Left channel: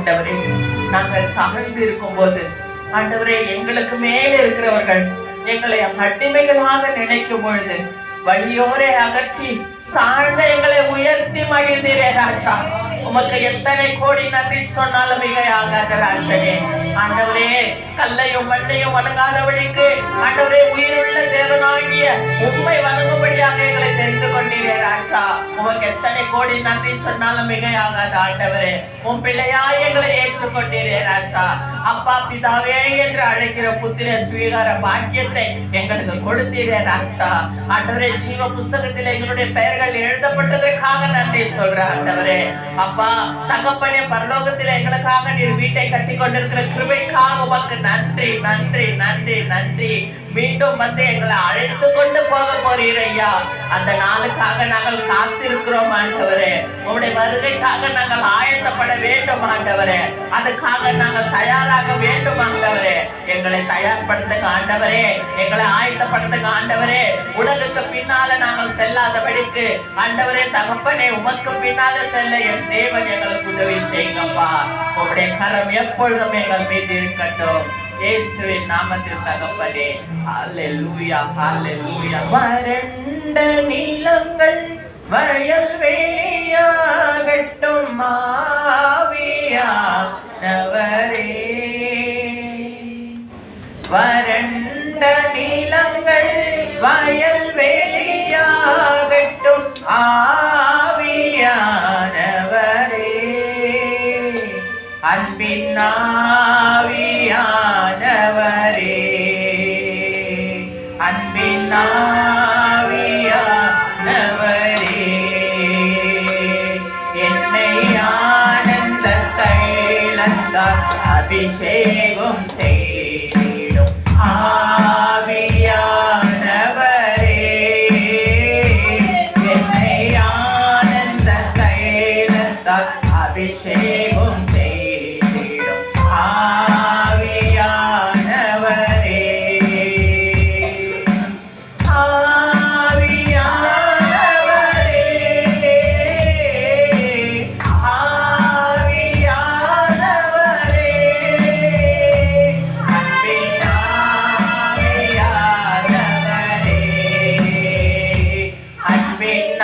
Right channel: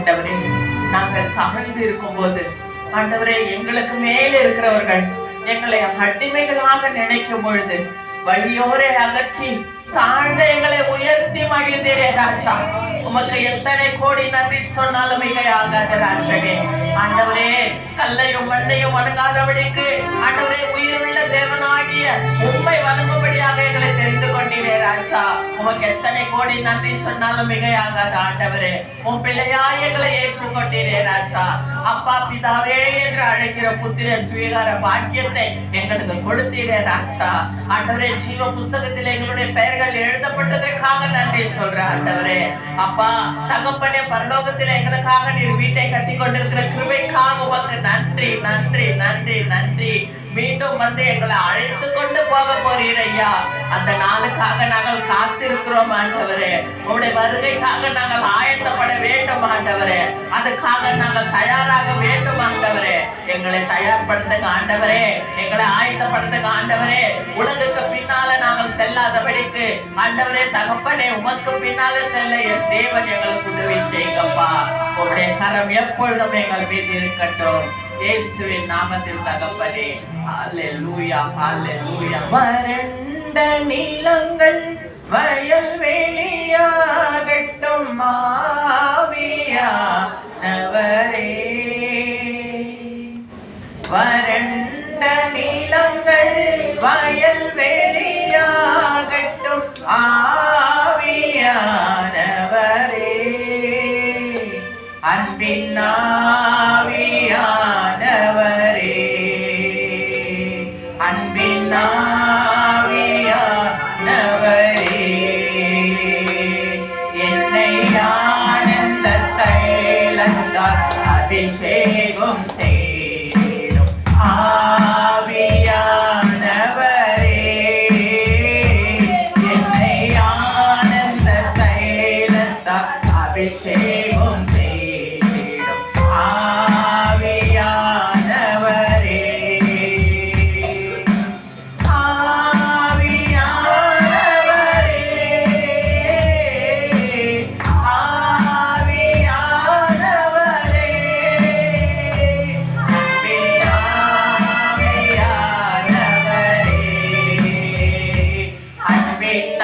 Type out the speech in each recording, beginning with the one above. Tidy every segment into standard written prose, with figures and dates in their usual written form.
ஆண்டவரே, நாங்கள் தாழ்ந்து இருக்கும் போது ஆண்டவரே, எங்களுக்கு மேல் இருக்கிறவர்கள் எங்களை அடிமைகளாக நினைக்கும் பொழுது வழியோரை அகற்றி தாழ்ந்த எங்களை உயர்த்தி மகிழ்ந்தீரே ராஜா. உமக்கு எத்தனை கோடி நன்றி சொன்னாலும் மிகையாகாத ராஜனே. ஆண்டவரே, கல்லையும் மண்ணையும் வணங்காதபடிக்கு ஆண்டவரே, உயிருள்ள தேவனாகிய உம்மை வணங்கும்படியாக எங்களை தெரிந்து கொண்டீரே ராஜா. உமக்கு எத்தனை கோடி நன்றி சொன்னாலும் மிகையாகாத ஆண்டவரே, உன் பிள்ளையாய் எங்களை ஏற்றுக்கொண்டீரே ராஜா. அப்பா பிதாவே என்று அழைக்கிற புத்திர ஸ்வீகார பாக்கியத்தை எங்களுக்கு கொடுத்தீரே ராஜா. ஆண்டவரே, ஜீவ புஸ்தகத்தில் எங்களுடைய பெயர்கள் எழுதப்பட்டதற்காக நன்றி சொல்றேன் ஆண்டவரே. அப்பா தகப்பனே, பரலோகத்தில் எங்களுக்காக நீர் வீட்டை கட்டி கொண்டிருக்கிற கிருபைக்காக உமக்கு நன்றி நன்றி நன்றி நன்றி. மீண்டும் வந்து எங்களை அழைத்து கொண்டு போக போறீர் ஐயா. அந்த நாளுக்காக நாங்கள் காத்திருக்கிறோம் ஆண்டவரே. உங்களுடைய வருகைக்காக நாங்கள் ஆயத்தப்பட வேண்டும் ஆண்டவரே. அதுக்காக நாங்கள் தயாராக வேண்டும் ஆண்டவரே. எங்களை தயார்படுத்துங்க ஆண்டவரே, எங்களை ஆயத்தப்படுத்துங்க ஆண்டவரே. உலகுக்கு பின்னால நாங்கள் செல்லாதபடிக்கு ஆண்டவரே தகப்பனே, உமக்கு பின்னால செல்ல என் தேவன் எங்களுக்கு உதவி செய்யுங்கப்பா. உங்களுடைய கரம் எப்பொழுதும் எங்கள் மீது இருக்கட்டும். இயேசுவின் நாமத்தில் தகப்பனே. ஹல்லேலூயா ஹல்லேலூயா. வறண்ட நிலங்கள் வயல் வெளியாகட்டும் ஆவியானவரே. வறண்ட நிலங்கள் வயல் வெளியாகட்டும் ஆவியானவரே. அன்பின் ஆவியானவரே, அன்பின் ஆவியானவரே, என்னை ஆனந்த தைலத்தால் அபிஷேகம் செய்திடும் ஆவியானவரே. என்னை ஆனந்த தைலத்தால் அபிஷேகம் செய்திடும் ஆவியானவரே. ஆவியானவரே, ஆவியானவரே, அன்பின் ஆவியானவரே, அன்பின்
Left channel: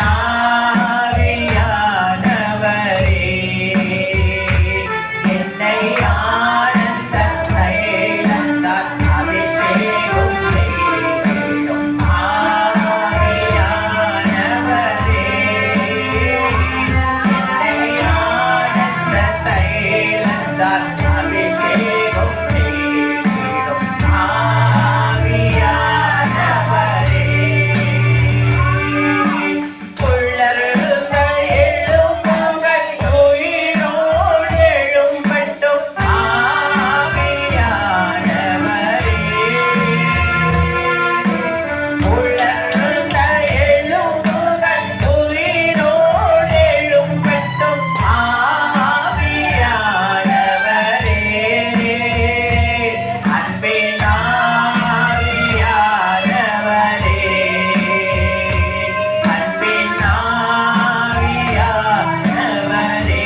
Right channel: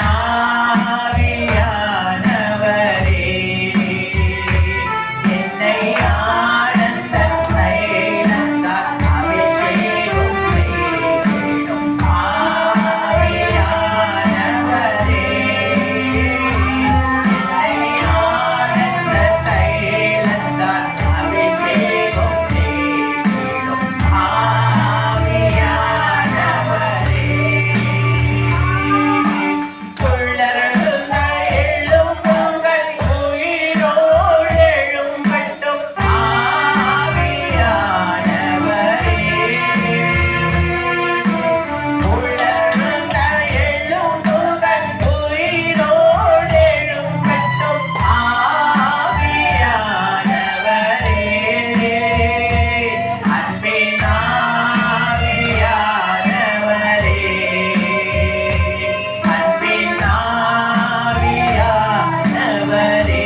ஆவியானவரே, என்னை ஆனந்த தைலத்தால் அபிஷேகம் செய்திடும் ஆவியானவரே. என்னை ஆனந்த தைலத்தால் அபிஷேகம் செய்திடும் ஆவியானவரே. உள்ளருந்த எழும்புங்கள் உயிரோடு எழும்பட்டும் ஆவியானவரே. உள்ளருந்த எழும்புங்கள் உயிரோடு எழும்பட்டும் ஆவியானவரே. அன்பின் ஆவியானவரே, அன்பின் ஆவியானவரே,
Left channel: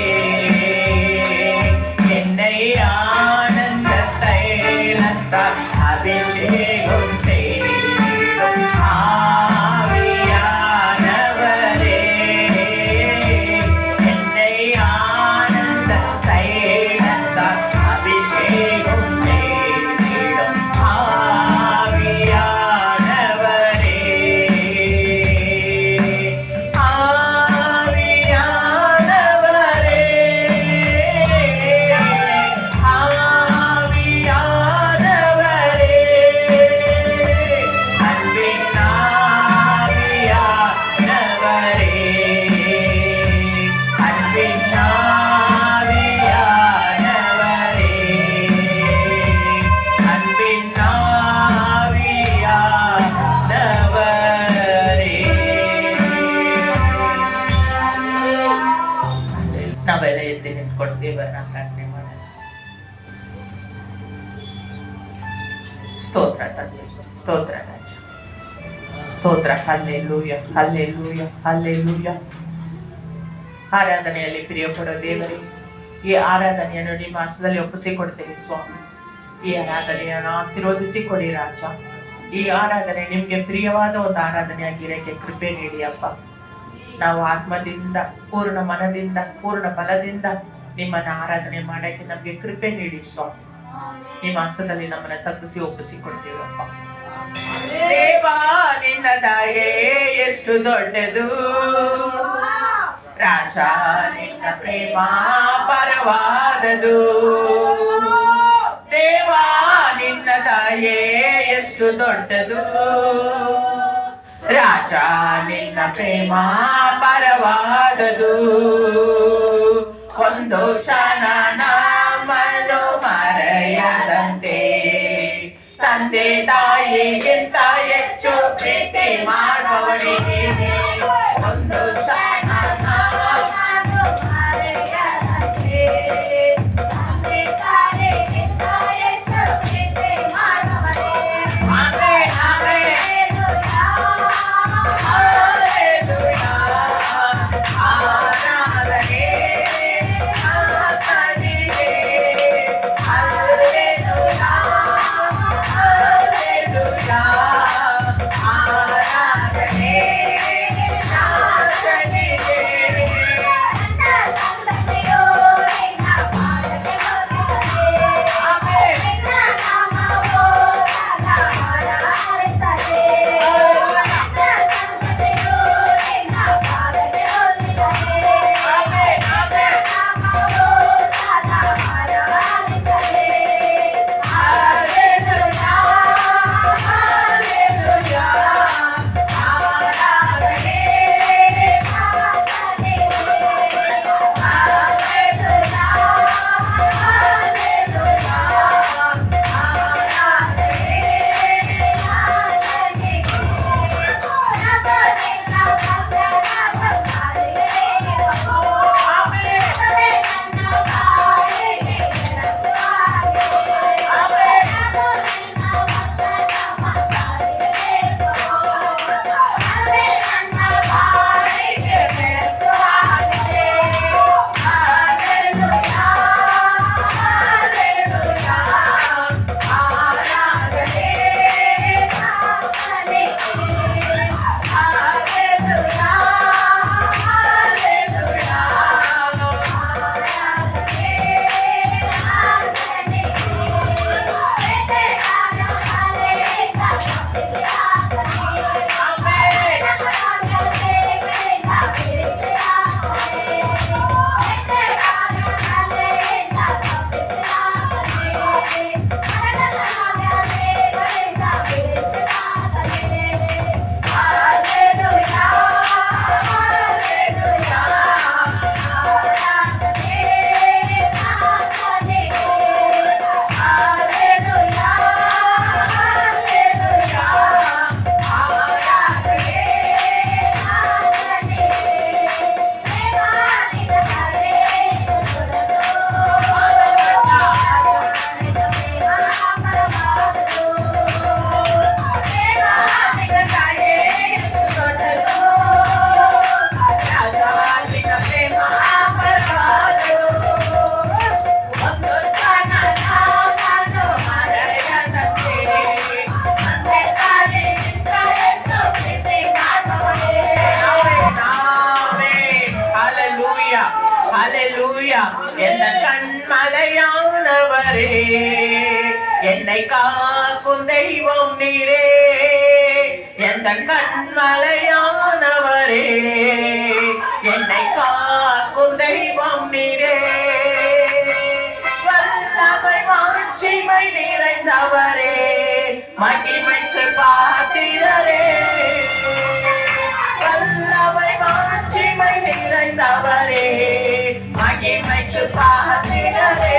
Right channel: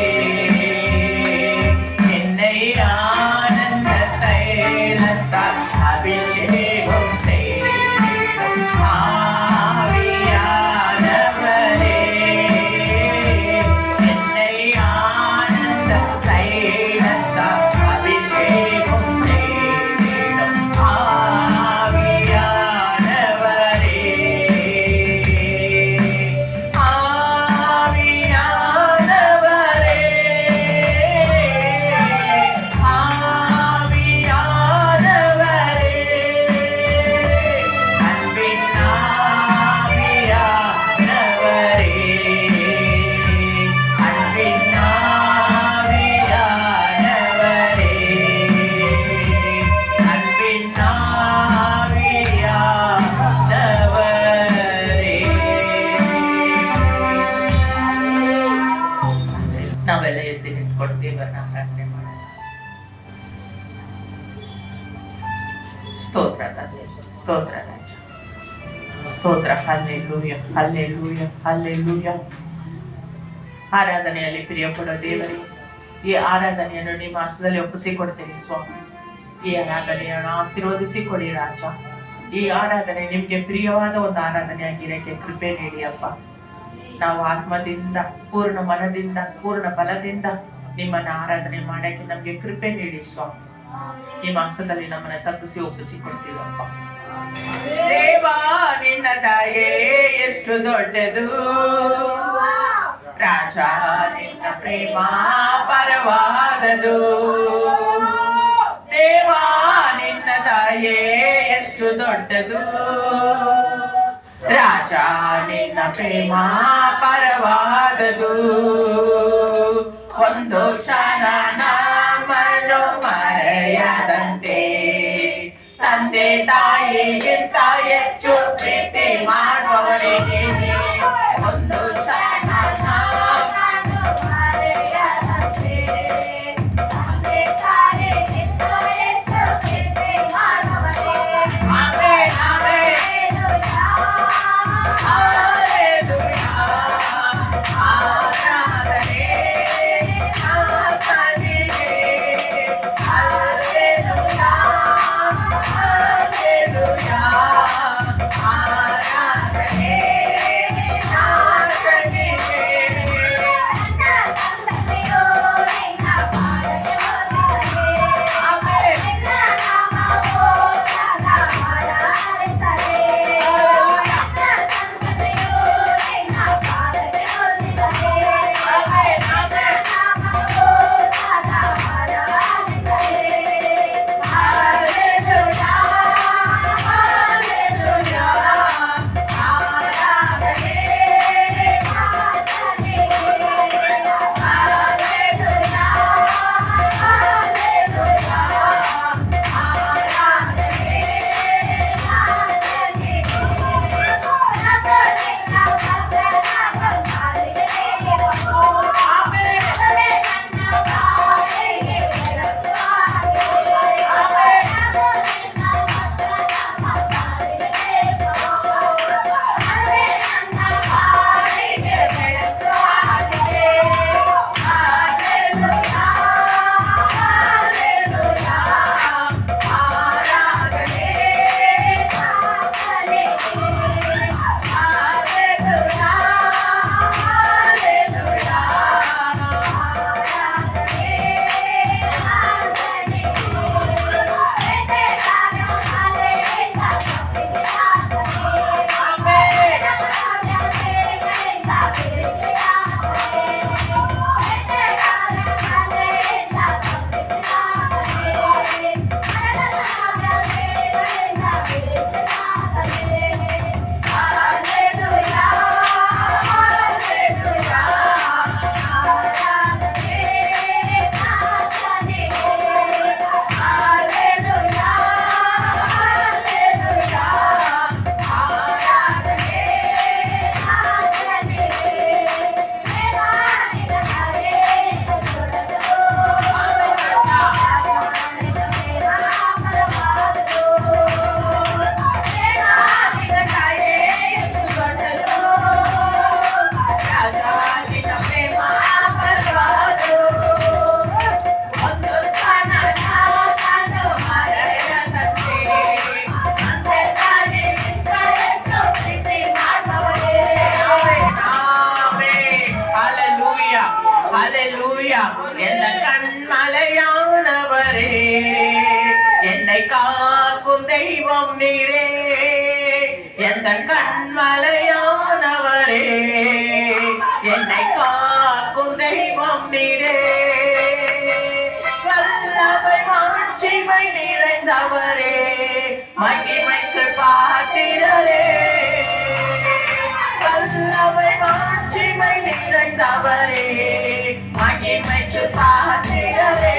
என்னை ஆனந்த தைலத்தால் அபிஷேகம் செய்திடும் ஆவியானவரே. என்னை ஆனந்த தைலத்தால் அபிஷேகம் செய்திடும் ஆவியானவரே. ஆவியானவரே, ஆவியானவரே, அன்பின் ஆவியானவரே, அன்பின் ஆவியானவரே, அன்பின் ಆವಿಯಾನವರೇ. ನಾವೆಲ್ಲ ಎದ್ದು ನಿಂತ್ಕೊಂಡು ದೇವರನ್ನ ಪ್ರಾರ್ಥನೆ ಮಾಡೋಣ. ಸ್ತೋತ್ರ ತಂದೆ, ಸ್ತೋತ್ರ ರಾಜ, ಸ್ತೋತ್ರ. Hallelujah hallelujah hallelujah. ಆರಾಧನೆಯಲ್ಲಿ ಪ್ರಿಯ ಕೊಡೋ ದೇವರೇ, ಈ ಆರಾಧನೆಯನ್ನು ನಿಮ್ಮ ಹಸ್ತದಲ್ಲಿ ಒಪ್ಪಿಸಿಕೊಡ್ತೀವಿ ಸ್ವಾಮಿ. ಈ ಆರಾಧನೆಯನ್ನು ಆಶೀರ್ವದಿಸಿಕೊಡಿ ರಾಜ. ಈ ಆರಾಧನೆ ನಿಮ್ಗೆ ಪ್ರಿಯವಾದ ಒಂದು ಆರಾಧನೆಯಾಗಿರಕ್ಕೆ ಕೃಪೆ ನೀಡಿ ಅಪ್ಪ. ನಾವು ಆತ್ಮದಿಂದ, ಪೂರ್ಣ ಮನದಿಂದ, ಪೂರ್ಣ ಬಲದಿಂದ ನಿಮ್ಮನ್ನ ಆರಾಧನೆ ಮಾಡಕ್ಕೆ ನಮ್ಗೆ ಕೃಪೆ ನೀಡಿ ಸ್ವಾಮಿ. ನಿಮ್ಮ ಹಸ್ತದಲ್ಲಿ ನಮ್ಮನ್ನ ತಪ್ಪಿಸಿ ಒಪ್ಪಿಸಿಕೊಡ್ತೀವಪ್ಪ. ದೇವಾ ನಿನ್ನ ದಯೆ ಎಷ್ಟು ದೊಡ್ಡದು, ರಾಜ ನಿನ್ನ ಪ್ರೇಮ ಪರವಾದದು. ದೇವಾ ನಿನ್ನ ದಯೆ ಎಷ್ಟು ದೊಡ್ಡದು, ರಾಜ ನಿನ್ನ ಪ್ರೇಮ ಪರವಾದದು. ಒಂದು ಕ್ಷಣ ನಮ್ಮನ್ನು ಮರೆಯದಂತೆ ತಂದೆ ತಾಯಿಗಿಂತ ಹೆಚ್ಚು ಪ್ರೀತಿ ಮಾಡುವವರೇ. ಒಂದು ಕ್ಷಣ ನಮ್ಮನ್ನು ಮರೆಯದಂತೆ ತಂದೆ ತಾಯಿಗಿಂತ ಹೆಚ್ಚು ಪ್ರೀತಿ ಮಾಡುವವರೇ. Amen amen. ಹಲ್ಲೆಲೂಯಾ ಆರಾಧನೆ ಆತನಿಗೆ. ಹಲ್ಲೆಲೂಯಾ ಹಲ್ಲೆಲೂಯಾ ಆರಾಧನೆ ಆತನಿಗೆ. எந்த கண்மலையானவரே, என்னை காக்கும் தெய்வம் நீரே. எந்த கண்மலையானவரே, என்னை காக்கும் தெய்வம் நீரே. வல்லமை மாட்சிமை நிறைந்தவரே, மகிமைக்கு பாத்திரரே. வல்லமை மாட்சிமை நிறைந்தவரே, மகிமைக்கு பாத்திரரே.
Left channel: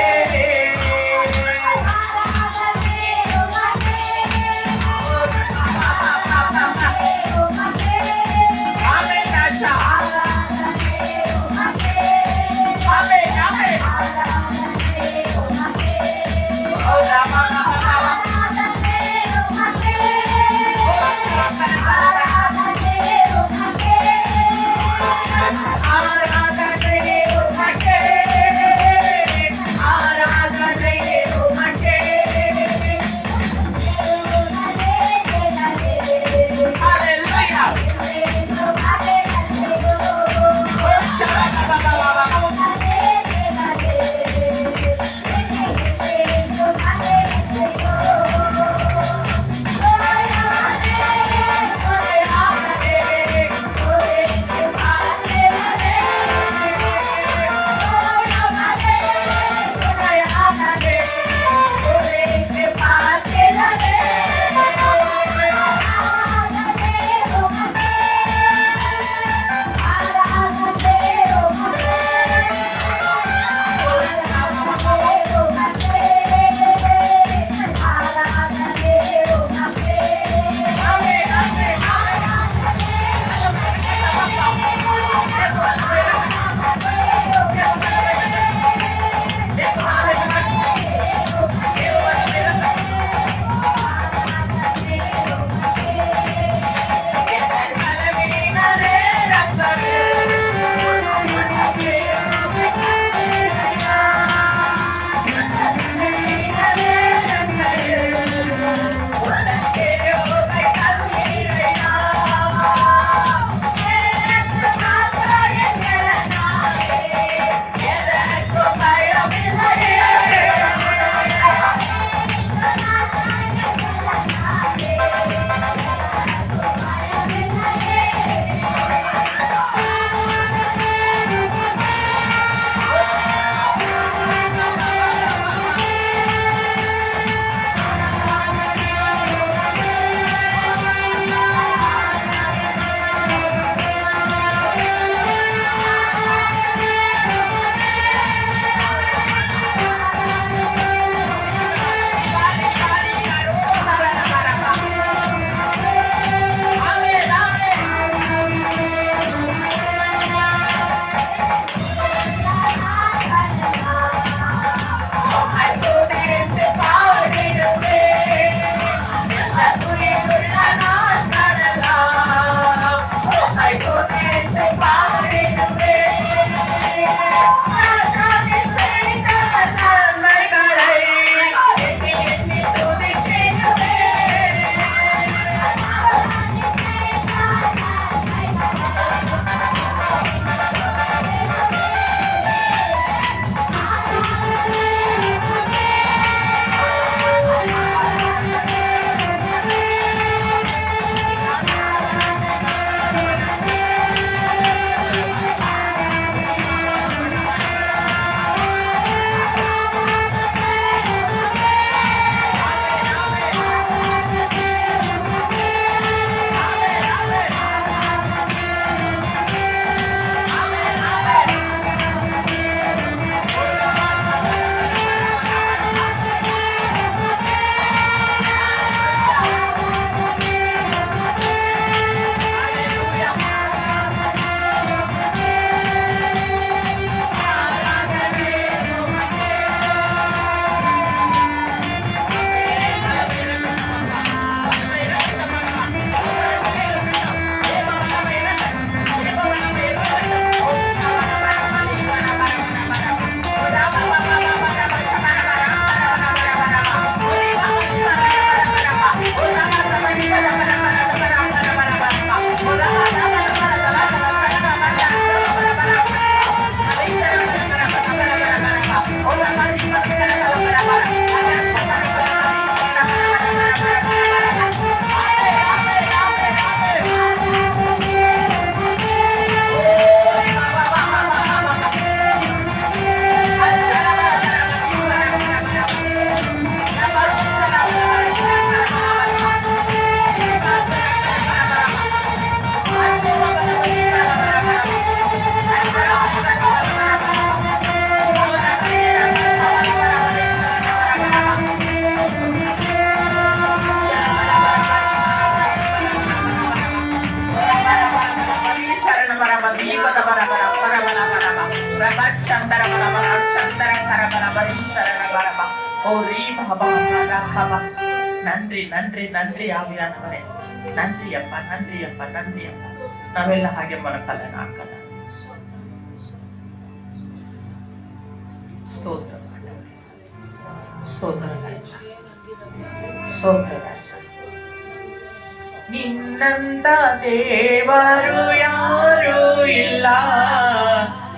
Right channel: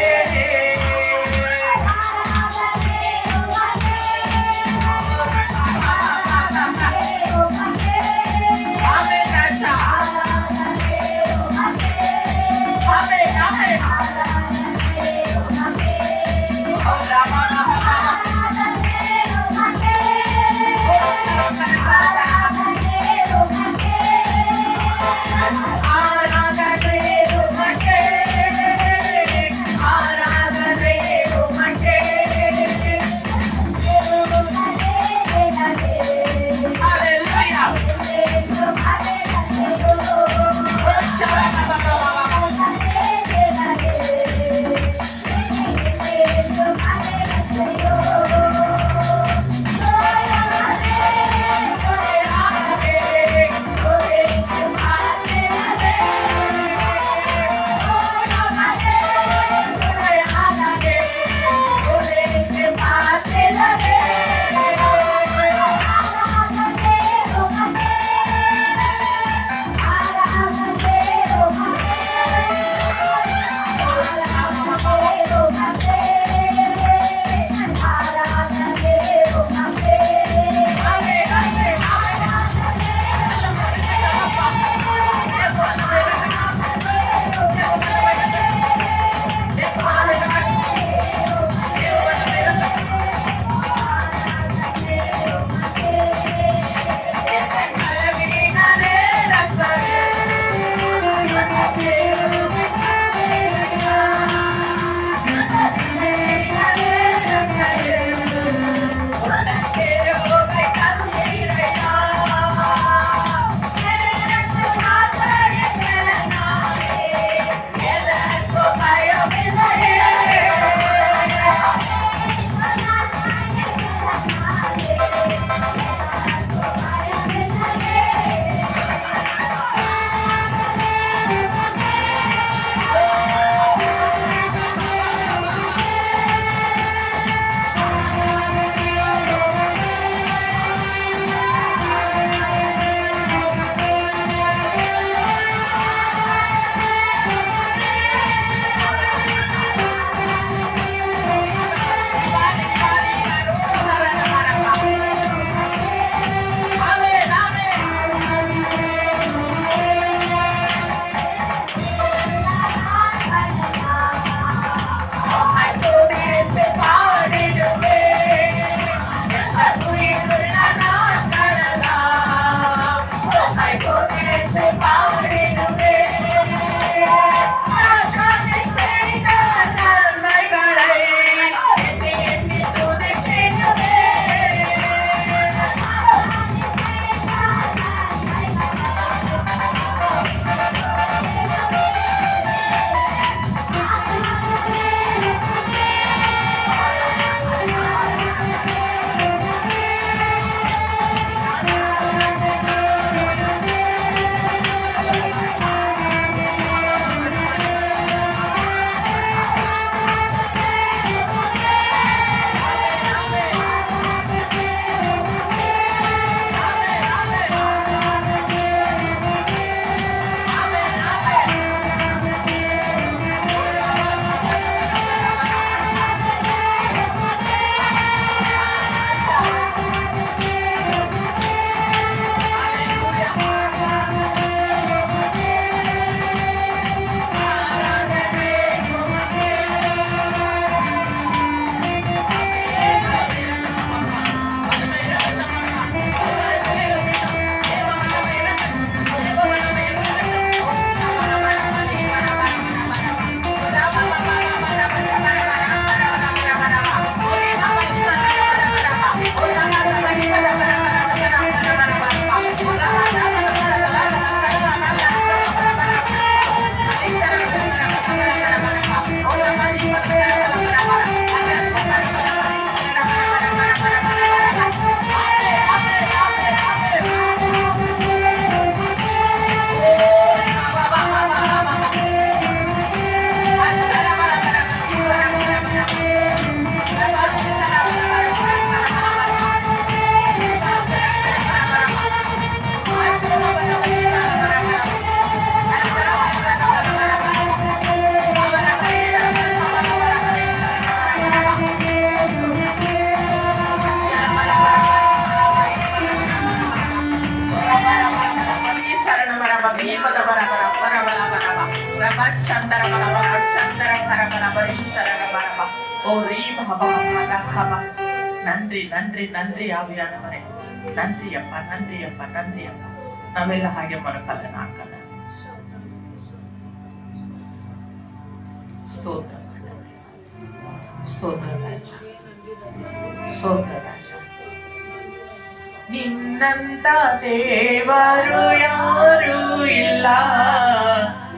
நன்றி நன்றி நன்றி ஆவியானவரே. நன்றி அப்பா, நன்றி அப்பா, நன்றி அப்பா. ನಾವೆಲ್ಲ ಹಾಗೆ ಬರಕಲ್ಲ ಹಾಕಲ್ಲ. ಸ್ತೋತ್ರ ಸ್ತೋತ್ರ ರಾಜ, ಸ್ತೋತ್ರ ರಾಜ. ನಿನ್ನಂತ ದೇವರು ಯಾರೂ ಇಲ್ಲ,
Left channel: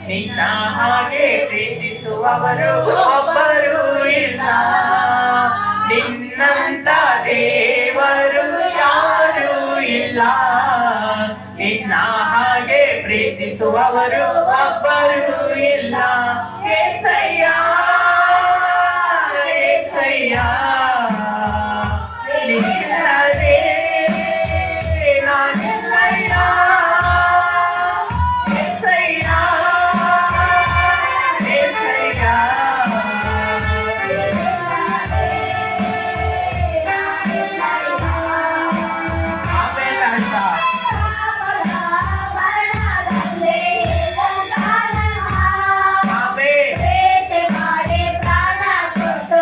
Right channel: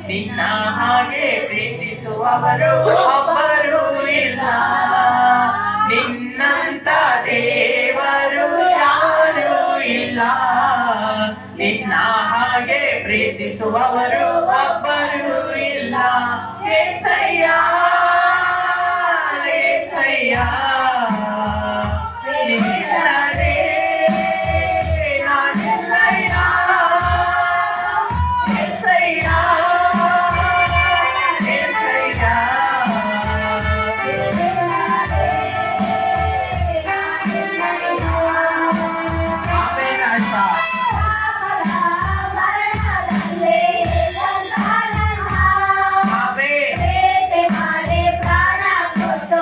ನಿನ್ನ ಹಾಗೆ ಪ್ರೀತಿಸುವವರು ಒಬ್ಬರು ಇಲ್ಲ. ನಿನ್ನಂತ ದೇವರು ಯಾರೂ ಇಲ್ಲ, ನಿನ್ನ ಹಾಗೆ ಪ್ರೀತಿಸುವವರು ಒಬ್ಬರು ಇಲ್ಲ. యేసయ్య యేసయ్య ನಿನ್ನದೇ ನಾನೆಲ್ಲಯ್ಯ. యేసయ్య యేసయ్య ಆಮೆನ್ ಆಯ್ತಾ. ಪ್ರಾಣ ಕೊಟ್ಟು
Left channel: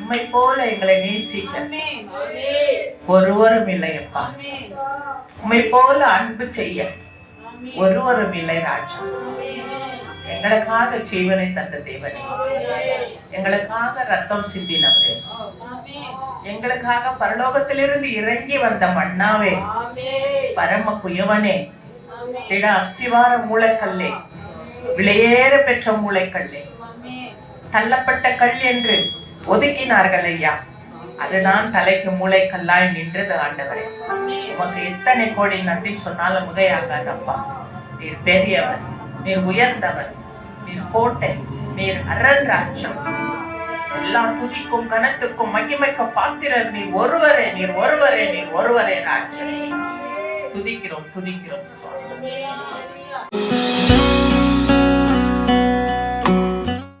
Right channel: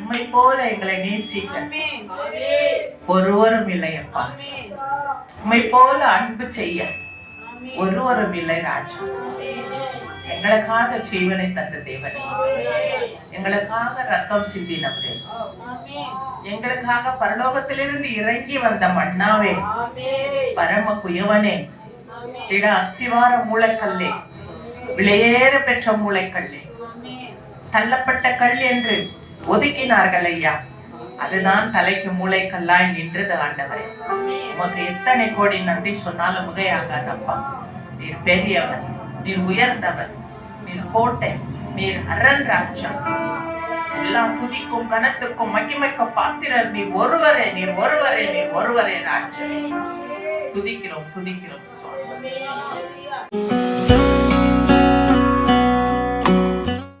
உம்மை போல எங்களை நேசிக்க ஒருவரும் இல்லையப்பா. உம்மை போல அன்பு செய்ய ஒருவரும் இல்லை ராஜா. எங்களுக்காக ஜீவனை தந்த தேவனே, எங்களுக்காக ரத்தம் சிந்தினவரே, எங்களுக்காக பரலோகத்திலிருந்து இறங்கி வந்த மன்னாவே, பரம குயவனே, திட அஸ்திவார மூளைக்கல்லே, விலையேற பெற்ற மூளைக்கல்லே, தள்ளப்பட்ட கல் என்று ஒதுக்கினார்கள் ஐயா, அதுதான் தலைக்கு மூளைக்கல்லாய் நின்றது ஆண்டவரே. உமக்கு எத்தனை கோடி நன்றி சொன்னாலும் மிகையாகாதப்பா. நீர் பெரியவர், நீர் உயர்ந்தவர், நீர் கோட்டை, நீர் அரண் ராஜ்யம். எல்லாம் துதிக்கும் கனத்துக்கும் மகிமைக்கும் பாத்திரர் நீர் ஒருவரே, நீர் ஒருவரே, நீர் ஒருவரே ராஜ்யம். துதிக்கிறோம் துதிக்கிறோம் சுவாமி.